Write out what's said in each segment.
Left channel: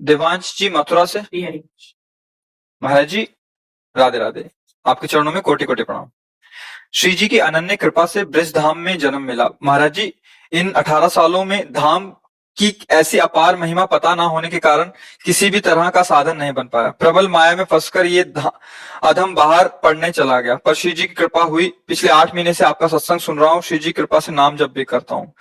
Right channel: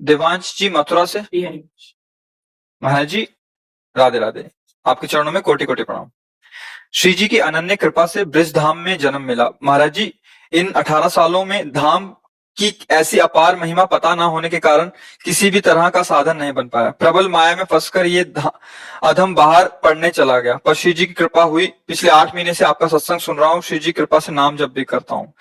देवांश जी मथुरा से। महाराज जी राधे राधे, आपके चरणों में कोटि कोटि प्रणाम। श्री जी की अनन्य कृपा से ब्रज धाम में जन्म मिला। महाराज जी इन 18 सालों में धाम की ऐसी अपार महिमा पता ना होने के कारण किसी भी तरह का साधन नहीं बन पाया। प्रबल माया में फंसकर ये अधम बाहर पढ़ने चला गया, पर श्री जी की कृपा हुई। पिछले 8 महीने से आपका सत्संग सुन रहा हूँ, श्री जी की कृपा से नाम जप भी करता हूँ।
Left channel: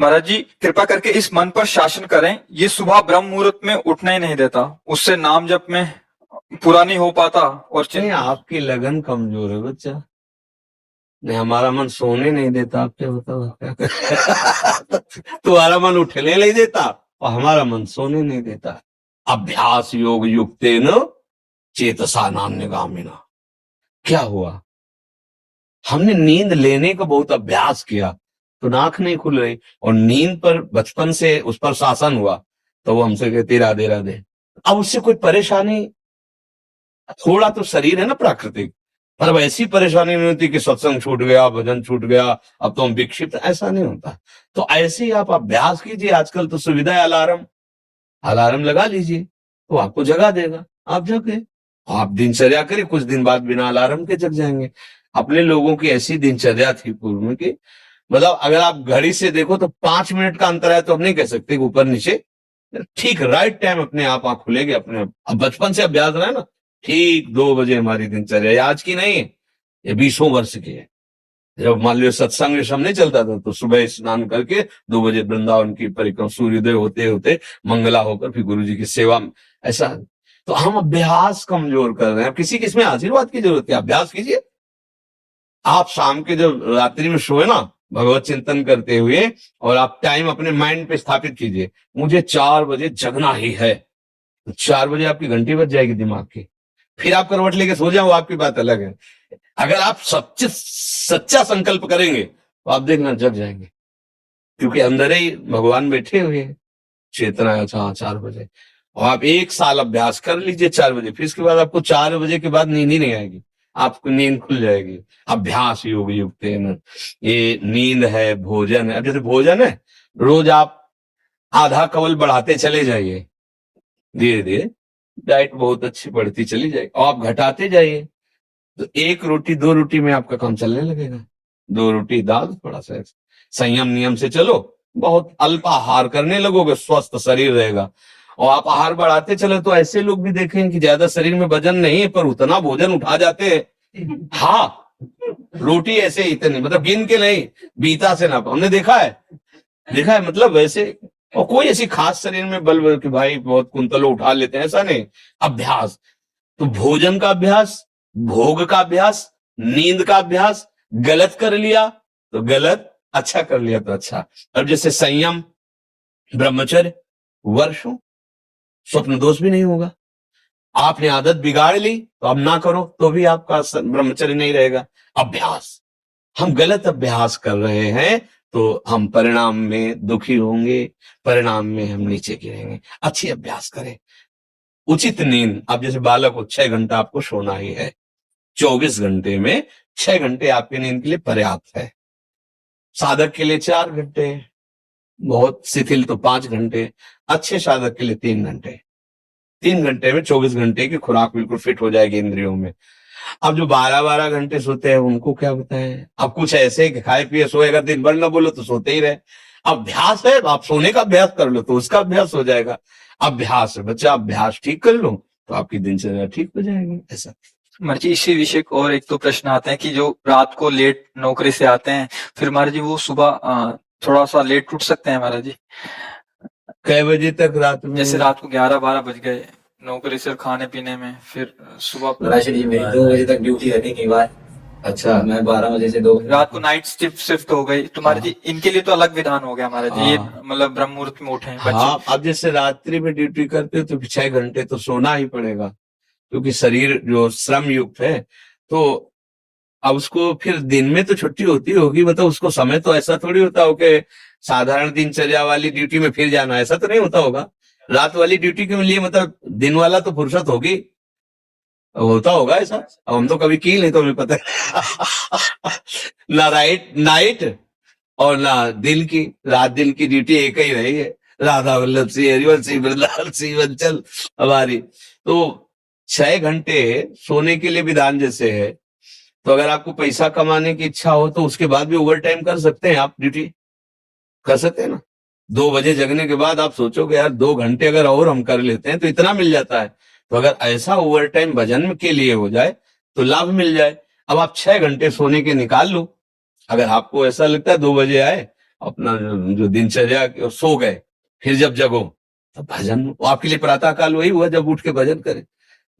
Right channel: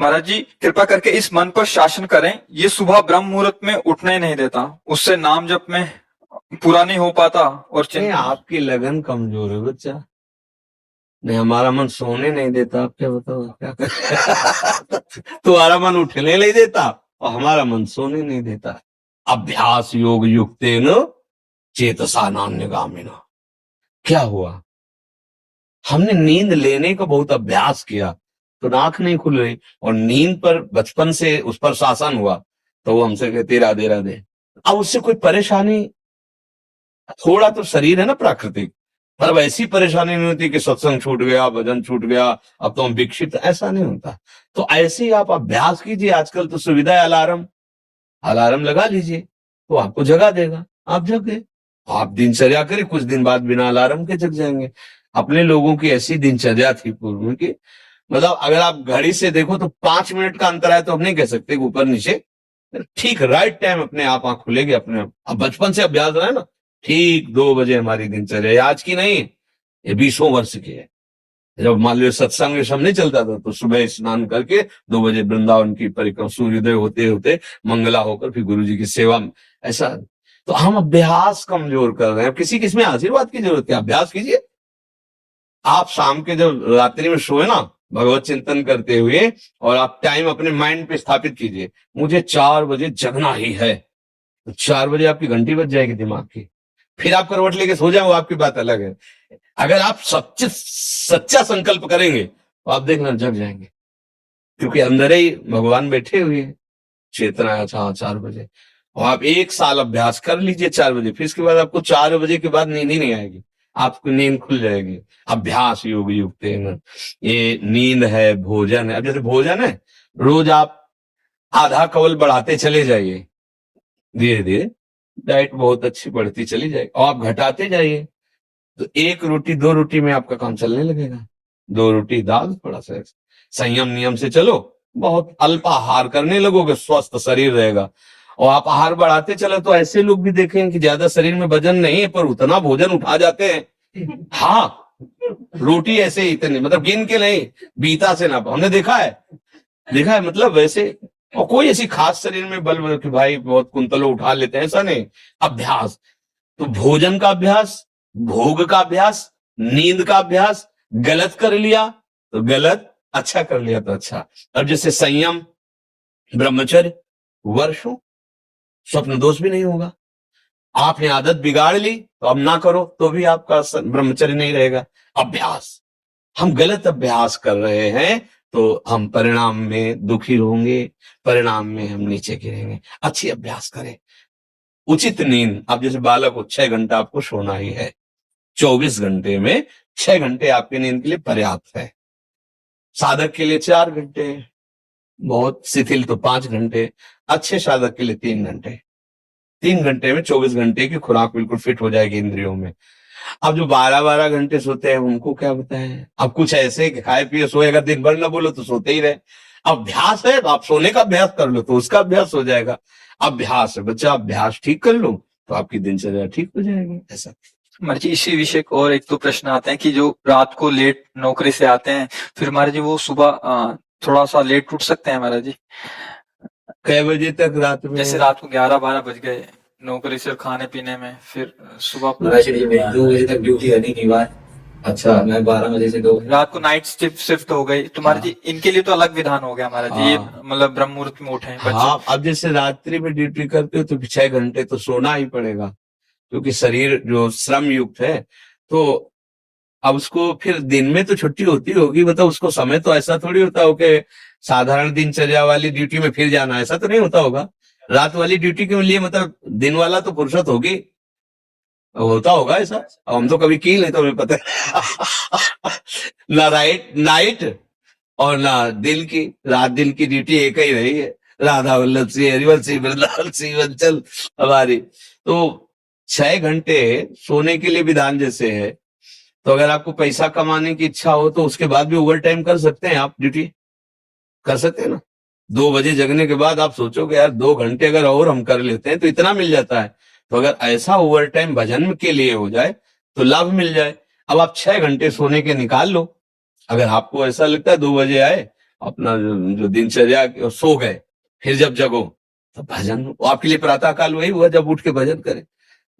महाराज जी कृपा करके इस मन पर शासन करें, ये सुबह ब्रह्म मुहूर्त में उठने ही नहीं देता, उससे नाम जप में पूरा नहीं हो पाता। और नहीं, आपकी लगन कमजोर है बच्चा। नहीं, हमारा मन सोने नहीं देता। आप क्या बताओ क्या तुम्हारा मन उठने नहीं देता और हमारा मन सोने नहीं देता। अभ्यास योग युक्तेन चेतसा नान्यगामिना। क्या हुआ? हमने नींद लेने का बहुत अभ्यास किया तो नाक नहीं खुल रही, और नींद पर बचपन से उस पर शासन हुआ तो वो हमसे कहती राधे राधे। अब उससे कोई परेशानी, थोड़ा तो शरीर है ना प्राकृतिक, पर वैसी परेशानी नहीं होती कि सत्संग छूट गया, भजन छूट गया, अब तो हम विक्षिप्त, ऐसा नहीं होता। तो ऐसे ही आप अभ्यास कीजिए। आजकल तो सुविधा है, अलार्म लगा लीजिए तो आपको जगा देगा, आप जग गए। आप दिनचर्या करें, कुछ दिन बाद बिना अलार्म के जग जाएंगे। अपने लोगों की ऐसी दिनचर्या थी पूर्व में कि मतलब अगर आप घड़ी से देखो तो 5 मिनट का अंतर है तो हम नहीं कह सकते ऊपर नीचे, ठीक राइट टाइम अपने आप आंख खुलेगी अपने आप। अब बचपन से अभ्यास रहा है ना, ठीक 2 बजे हमारी दिनचर्या, आज की नहीं, ये 20 वर्ष की है। जब मान लो सत्संग सब नहीं चलता था तो सुबह स्नान करके 2 बजे वृंदावन की परिक्रमा, सूर्योदय होते होते मंगला होकर फिर गुरु जी की सेवा में, ऐसा। तो हम अभ्यास कमजोर कर रहे हैं। किसी किसमें आशीर्वाद की जरूरत है, अभ्यास कीजिए। आप शाम के जब रात्रि में सोए ना भगवत चिंतन करते हुए, और आप टाइम अपने माइंड पे स्थापित कीजिए, मुझे 4 बजे जगना ही है, तो 4 बजे आपकी घंटी बज जाएगी दिमाग की। फिर आप करवट लेके सो जाए, वो आपकी बात अलग है। अगर आप सच्चा संकल्प करेंगे तो आप देखना जग जाएंगे, क्योंकि अंदर ही भगवान बैठे हुए हैं। चेतना है, अच्छा 4 बजे, और आप 1 साल अभ्यास कर लीजिए 4 बजे, फिर इसके बाद आपको 4 बजे के बाद नींद ही नहीं आएगी, आपको नींद खुल जाएगी। अभ्यास योग युक्त ये नींद है, भोजन है। अब जैसे भोजन है, रोज आप आधा कवल बढ़ाते चले जाइए, धीरे धीरे डाइट बहुत अच्छी बढ़ती चली जाएगी, और आप घटाते जाइए तो 1 रोटी 2 रोटी में आपका काम चलने लगेगा। 2 रोटी दाल, थोड़ा सा संयम नियम से चलो, बहुत अल्प आहार करने लगोगे, स्वस्थ शरीर रहेगा। और आप आहार बढ़ाते चले तो ऐसे लोग भी देखेंगे कि ज्यादा शरीर में वजन नहीं है पर उतना भोजन उठा जाते हैं। हाँ, रोटी ऐसे ही इतनी, मतलब गिन के नहीं, बीता से ना, हमने देखा है मतलब वैसे। और कोई ऐसी खास शरीर में बल कि भाई बहुत कुंतलों उठा लेते हैं, ऐसा नहीं। अभ्यास तो भोजन का अभ्यास, भोग का अभ्यास, नींद का अभ्यास। गलत कर लिया तो गलत, अच्छा कर लिया तो अच्छा। अब जैसे संयम, ब्रह्मचर्य, वर्षों स्वप्न दोष भी नहीं होगा। आपने आदत बिगाड़ ली तो अब ना करो तो भी आपका ब्रह्मचर्य नहीं रहेगा। अभ्यास, हम गलत अभ्यास कर रहे हैं तो हम परिणाम में दुखी होंगे, परिणाम में हम नीचे गिरेंगे। अच्छी अभ्यास करें। उचित नींद, अब जैसे बालक को 6 घंटा आपको सोना ही है, 24 घंटे में 6 घंटे आपकी नींद के लिए पर्याप्त है। साधक के लिए 4 घंटे, बहुत शिथिल तो 5 घंटे, अच्छे साधक के लिए 3 घंटे। 3 घंटे में 24 घंटे की खुराक बिल्कुल फिट हो जाएगी इंद्रियों में। अब जो 12-12 घंटे सोते हैं उनको क्या बताएं। अब कुछ ऐसे कि खाए पिए सोए, अगर दिन भर ना बोलो तो सोते ही रहे। अभ्यास है, आप सोने का अभ्यास कर लो तो उसका अभ्यास हो जाएगा। अभ्यास है बच्चा, अभ्यास ठीक कर लो तो आपकी दिनचर्या ठीक हो जाएगी। ऐसा महाराज जी इसी विषय को और एक दो प्रश्न आते हैं कि जो रात को लेट नौकरी से आते हैं, फिर महाराज जी वो सुबह थोड़ा सा लेट उठ सकते हैं महाराज जी? कई बजे तक रात में? जैसे रात को 11-12 बज गए नौकरी से खाने पीने में, फिर सुबह महाराज जी मेरी 2 बजे तक ड्यूटी रहती थी बार। अच्छा, मैं 12 बजे से 2 रात को नाइट शिफ्ट हो गई तो महाराज जी इनके लिए तो अलग विधान हो गया महाराज जी। ये मतलब ब्रह्म मुहूर्त में उठे बच्चे। हाँ, अब जैसे रात्रि में ड्यूटी करते हो तो 6 घंटे तो सोना ही पड़ेगा, क्योंकि शरीर जो श्रम युक्त है। तो अब उसको फिर दिन में तो छुट्टी होती होगी, मतलब उसको समय तो ऐसा थोड़ी होता हो कि साधारण दिनचर्या वाली ड्यूटी में फिर जाना, ऐसा तो नहीं होता होगा। रात वाली ड्यूटी के लिए मतलब दिन वाला तो फुर्सत होगी, होता होगा ऐसा। अब हम तो कभी की नहीं तो हमें पता ना नाइट और ना दिन की, रात दिन की ड्यूटी एक ही रही है। राधा वल्लभ सिंह हरिवंश वृंदावन सिंह अंचल हमारी। तो 6 घंटे सोने के लिए विधान जैसे है, तो अगर आपको पैसा कमाने की इच्छा हो तो उसके बाद भी ओवर टाइम कर सकते हैं, आप ड्यूटी कर सकते हैं ना। 2 बजे जगने के बाद आप सोचोगे यार 2 घंटे अगर और हम कर लेते हैं तो इतना मिल जाता है। तो अगर ऐसा ओवर टाइम भजन के लिए हो जाए तो लाभ मिल जाए। अब आप 6 घंटे सोने के निकाल लो। अगर आपको ऐसा लगता है 2 बजे आए, अपना जो दिनचर्या सो गए, फिर जब जगो तो भजन, वो आपके लिए प्रातः काल वही हुआ जब उठ के भजन करें।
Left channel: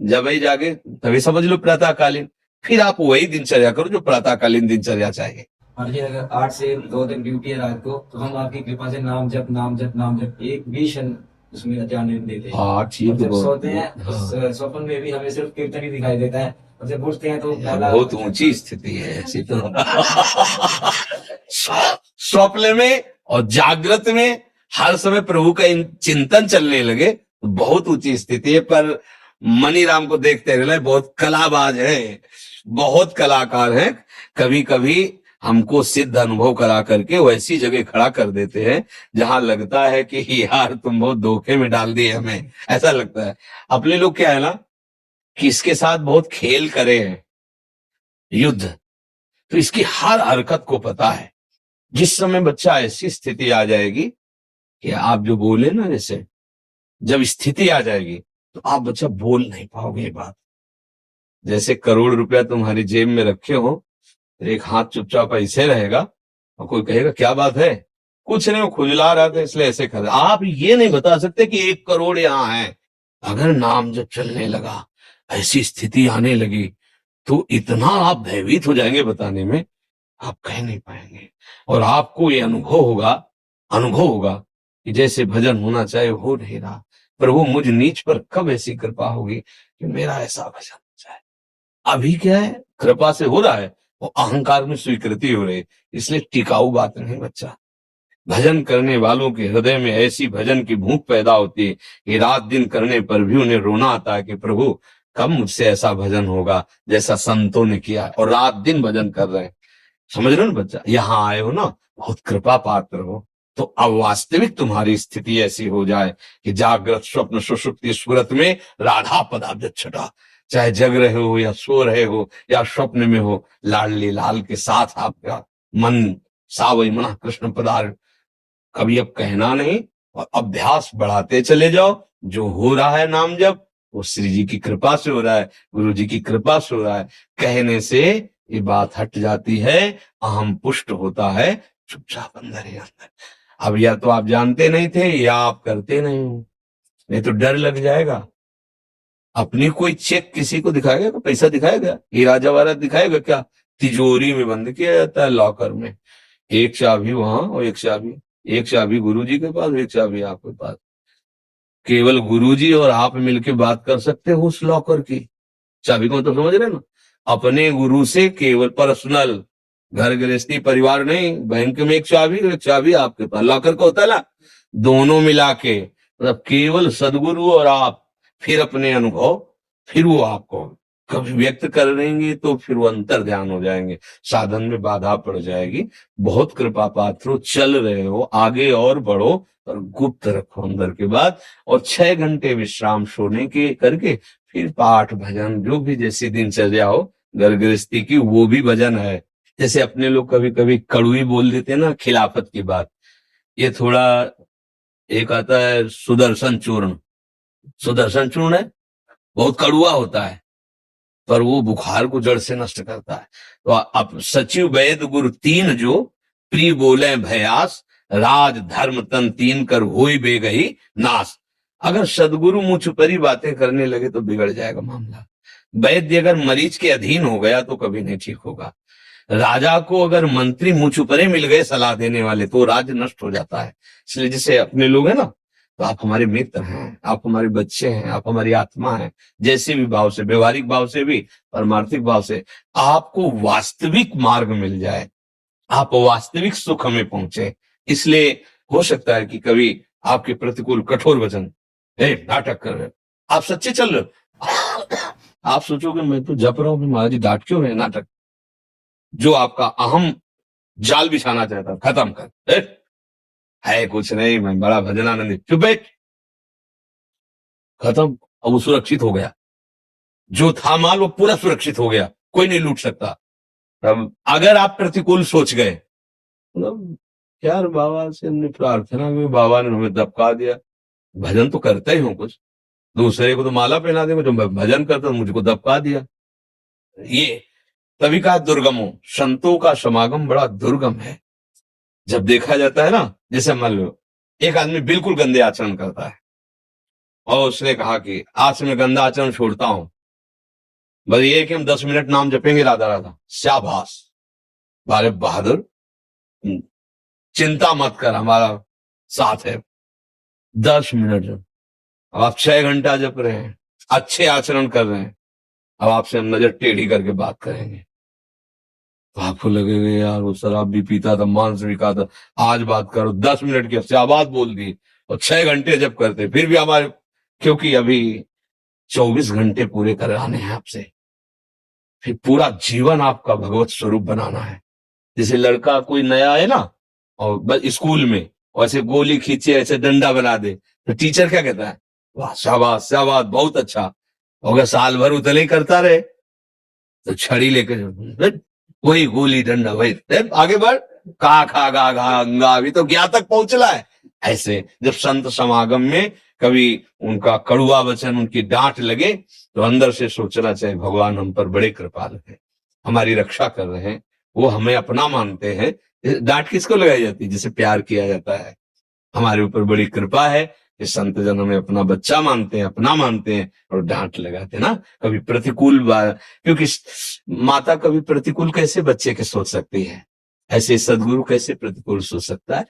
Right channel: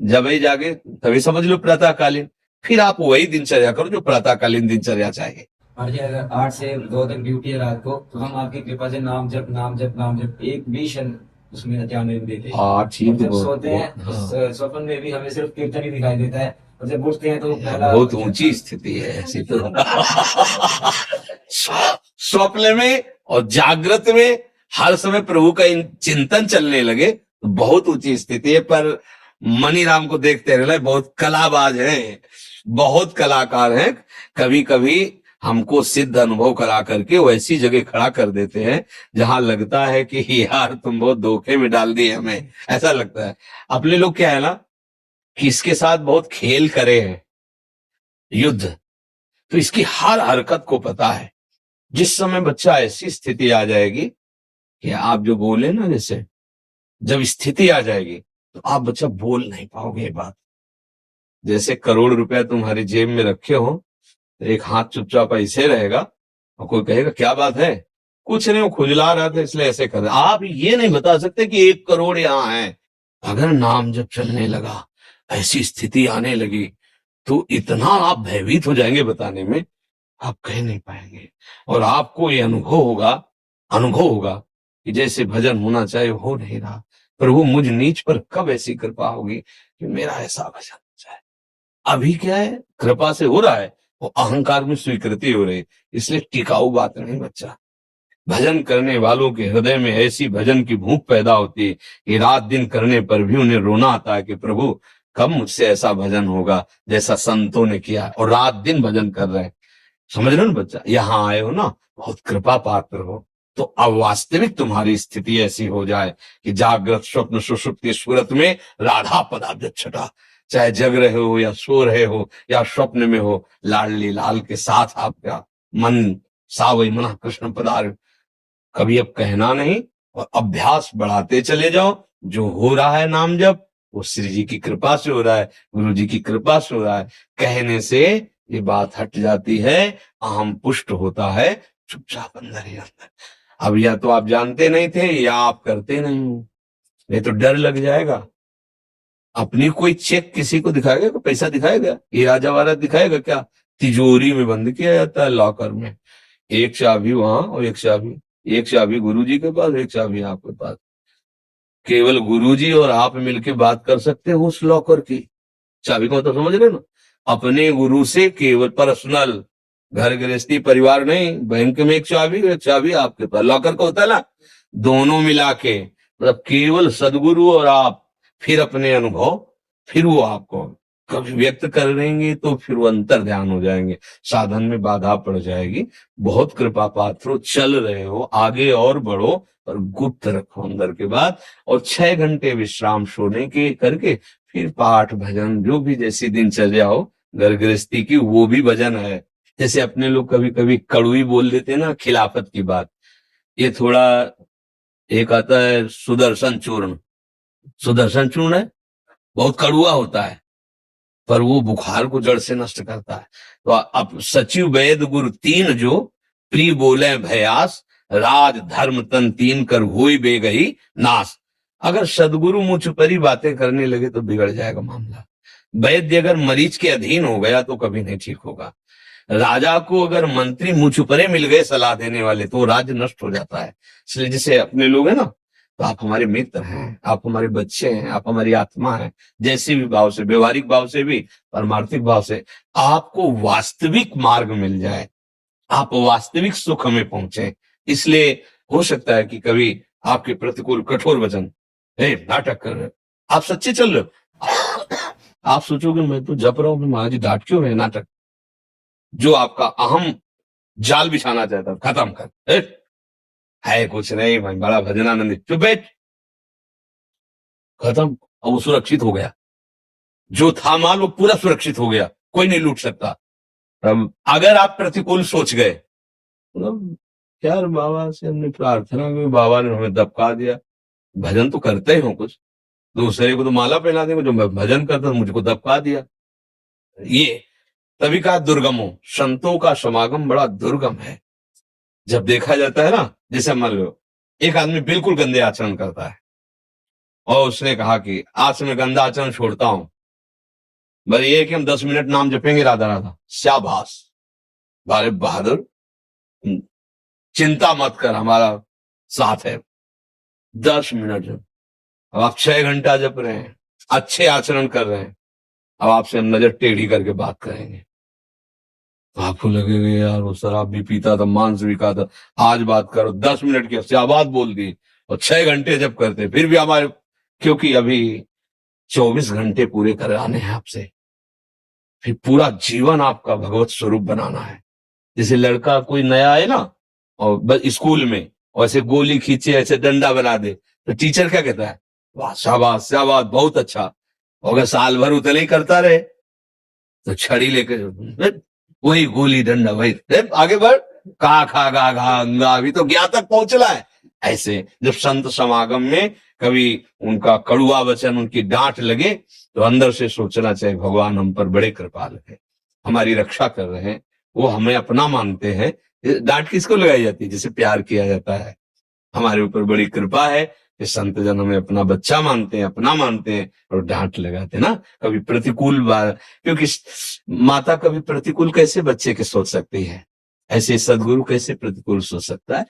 जब ही जागे तभी समझ लो प्रातःकालीन। फिर आप वही दिनचर्या करो जो प्रातःकालीन दिनचर्या चाहिए। और ये अगर 8 से 2 तक ड्यूटी है रात को, तो हम आपकी कृपा से नाम जप नाम जप नाम जप एक भी क्षण उसमें ध्यान नहीं देते। हाँ ठीक और है, जब बहुत- सोते हैं बहुत- हाँ। स्वप्न में भी हमें सिर्फ कीर्तन ही दिखाई देता है, और जब उठते हैं तो पहला बहुत ऊंची स्थिति है ऐसी तो। स्वप्न में और जागृत में हर समय प्रभु का चिंतन चलने लगे तो बहुत ऊंची स्थिति है। पर मनीराम को देखते रहे, बहुत कलाबाज है, बहुत कलाकार है। कभी कभी हमको सिद्ध अनुभव करा करके वो ऐसी जगह खड़ा कर देते हैं जहां लगता है कि यार तुम बहुत धोखे में डाल दिए हमें, ऐसा लगता है। अपने लोग क्या है ना कि इसके साथ बहुत खेल करे हैं, युद्ध, तो इसकी हर हरकत को पता है। जिस समय बच्चा ऐसी स्थिति आ जाएगी कि आप जो बोले ना, जैसे जब स्थिति आ जाएगी तो आप बच्चा बोल नहीं पाओगे ये बात। जैसे करोड़ रुपया तुम्हारी जेब में रखे हो, एक हाथ चुपचाप ऐसे रहेगा और कोई कहेगा क्या बात है, कुछ नहीं वो खुजला रहा था इसलिए ऐसे कर रहा। आप ये नहीं बता सकते कि 1 करोड़ यहाँ है। अगर नाम जब चलने लगा, ऐसी स्थिति आने लगी, तो इतना आप भयभीत हो जाएंगे, बताने में आप कह नहीं पाएंगे। और आपको ये अनुभव होगा कि जैसे भजन होना चाहिए हो नहीं रहा। पर वो मुझ नीच पर कब ऐसी कृपा होगी कि मेरा ऐसा भजन हो जाए। अभी क्या है, कृपा से हो रहा है, वो अहंकार में स्वीकृति हो रही, इसलिए टिकाऊ बात नहीं बच्चा। भजन करने वालों के हृदय में ऐसी भजन की भूख पैदा होती है कि रात दिन करने पर भी उन्हें रोना आता है कि प्रभु कब मुझसे ऐसा भजन होगा जैसा संतों ने किया, और रात दिन भजन कर रहे हैं। समझ रहे हो ना बच्चा, यहाँ आए हो ना, बहुत कृपा पात्र हो। तो अब वास्तविक तुम्हारी स्थिति ऐसी हो जाए कि जागृत स्वप्न सुषुप्ति सूरत में राधा पदाब्ज छटा, चाहे जग रहे हो या सो रहे हो या स्वप्न में हो, लाडली लाल के साथ आपका मन सावई मना कृष्ण पदार। कभी अब कहना नहीं और अभ्यास बढ़ाते चले जाओ। जो हो रहा है नाम जप, वो श्री जी की कृपा से हो रहा है, गुरु जी की कृपा से हो रहा है। कहने से ये बात हट जाती है, अहम पुष्ट होता है, चुपचाप अंदर ही अंदर। अब या तो आप जानते नहीं थे या आप करते नहीं हो, नहीं तो डर लग जाएगा। अपनी कोई चेक किसी को दिखाएगा तो पैसा दिखाएगा, हीरा जवाहरात दिखाएगा क्या? तिजोरी में बंद किया जाता है लॉकर में, एक चाबी वहां और एक चाबी गुरुजी के पास, एक चाबी आपके पास। केवल गुरुजी और आप मिलके बात कर सकते हो उस लॉकर की चाबी को, तो समझ रहे ना। अपने गुरु से केवल पर्सनल, घर गृहस्थी परिवार नहीं, बैंक में एक चाबी आपके पास, लॉकर का होता है ना, दोनों मिला के, मतलब केवल सदगुरु और आप, फिर अपने अनुभव, फिर वो आपको कभी व्यक्त करेंगे तो फिर वो अंतर ध्यान हो जाएंगे, साधन में बाधा पड़ जाएगी। बहुत कृपा पात्रो, चल रहे हो आगे और बढ़ो, और गुप्त रखो अंदर के बाद। और 6 घंटे विश्राम सोने के करके फिर पाठ भजन जो भी जैसी दिनचर्या हो घर गृहस्थी की, वो भी भजन है। जैसे अपने लोग कभी कभी कड़वी बोल देते हैं ना खिलाफत की बात, ये थोड़ा एक आता है सुदर्शन चूर्ण है, बहुत कड़वा होता है पर वो बुखार को जड़ से नष्ट करता है। तो अब सचिव वैद गुरु 3 जो प्री बोले भयास, राज धर्म तन 3 कर होई बेगही नाश। अगर सदगुरु मुझ पर ही बातें करने लगे तो बिगड़ जाएगा मामला। वैद्य अगर मरीज के अधीन हो गया तो कभी नहीं ठीक होगा। राजा को अगर मंत्री मुझ पर मिल गए सलाह देने वाले तो राज्य नष्ट हो जाता है। इसलिए जैसे अपने लोग हैं ना, तो आप हमारे मित्र हैं, आप हमारे बच्चे हैं, आप हमारी आत्मा हैं। जैसे भी भाव से, व्यवहारिक भाव से भी, परमार्थिक भाव से आपको वास्तविक मार्ग मिल जाए, आप वास्तविक सुख में पहुंचे। इसलिए हो सकता है कि कभी आपके प्रतिकूल कठोर वचन, नाटक कर रहे हो, आप सच्चे चल रहे हो, आप सोचोगे मैं तो जप रहा हूं, महाराज जी डांट क्यों रहे, नाटक। जो आपका अहम जाल बिछाना चाहता खत्म कर, है कुछ नहीं, मैं बड़ा भजनानंदी। चुप बैठ। खत्म। अब वो सुरक्षित हो गया, जो था माल वो पूरा सुरक्षित हो गया, कोई नहीं लूट सकता। अब अगर आप प्रतिकूल सोच गए, मतलब यार बाबा से हमने प्रार्थना की, बाबा ने हमें दबका दिया, भजन तो करते ही हो कुछ, दूसरे को तो माला पहना देंगे, जो मैं भजन करता हूं मुझको दबका दिया। ये तभी कहा दुर्गमो, संतों का समागम बड़ा दुर्गम है। जब देखा जाता है ना, जैसे मान लो एक आदमी बिल्कुल गंदे आचरण करता है और उसने कहा कि आज से मैं गंदा आचरण छोड़ता हूं, बस ये है कि हम 10 मिनट नाम जपेंगे राधा राधा, शाबाश, बारे बहादुर, चिंता मत कर, हमारा साथ है। 10 मिनट जब, अब आप 6 घंटा जप रहे हैं, अच्छे आचरण कर रहे हैं, अब आपसे हम नजर टेढ़ी करके बात करेंगे तो आपको लगेगा यार वो शराब भी पीता था, मांस भी खाता था, आज बात करो, 10 मिनट की शाबाश बोल दी और 6 घंटे जब करते फिर भी हमारे, क्योंकि अभी 24 घंटे पूरे कराने हैं आपसे, फिर पूरा जीवन आपका भगवत स्वरूप बनाना है। जैसे लड़का कोई नया है ना और बस स्कूल में, और ऐसे गोली खींचे ऐसे डंडा बना दे तो टीचर क्या कहता है, वाह शाबाश शाबाश बहुत अच्छा। और अगर साल भर उतले ही करता रहे तो छड़ी लेके वही गोली डंडा वही, आगे बढ़, कहा खा गा गा अंगा, अभी तो ज्ञा तक पहुंचला है। ऐसे जब संत समागम में कभी उनका कड़ुआ वचन, उनकी डांट लगे तो अंदर से सोचना चाहिए भगवान हम पर बड़े कृपाल है, हमारी रक्षा कर रहे हैं, वो हमें अपना मानते हैं। डांट किसको लगाई जाती है, जिसे प्यार किया जाता है, हमारे ऊपर बड़ी कृपा है कि संत जन हमें अपना बच्चा मानते हैं, अपना मानते हैं और डांट लगाते हैं ना। कभी प्रतिकूल बात, क्योंकि माता कभी प्रतिकूल कैसे बच्चे के सोच सकती है, ऐसे सदगुरु कैसे प्रतिकूल सोच सकता है।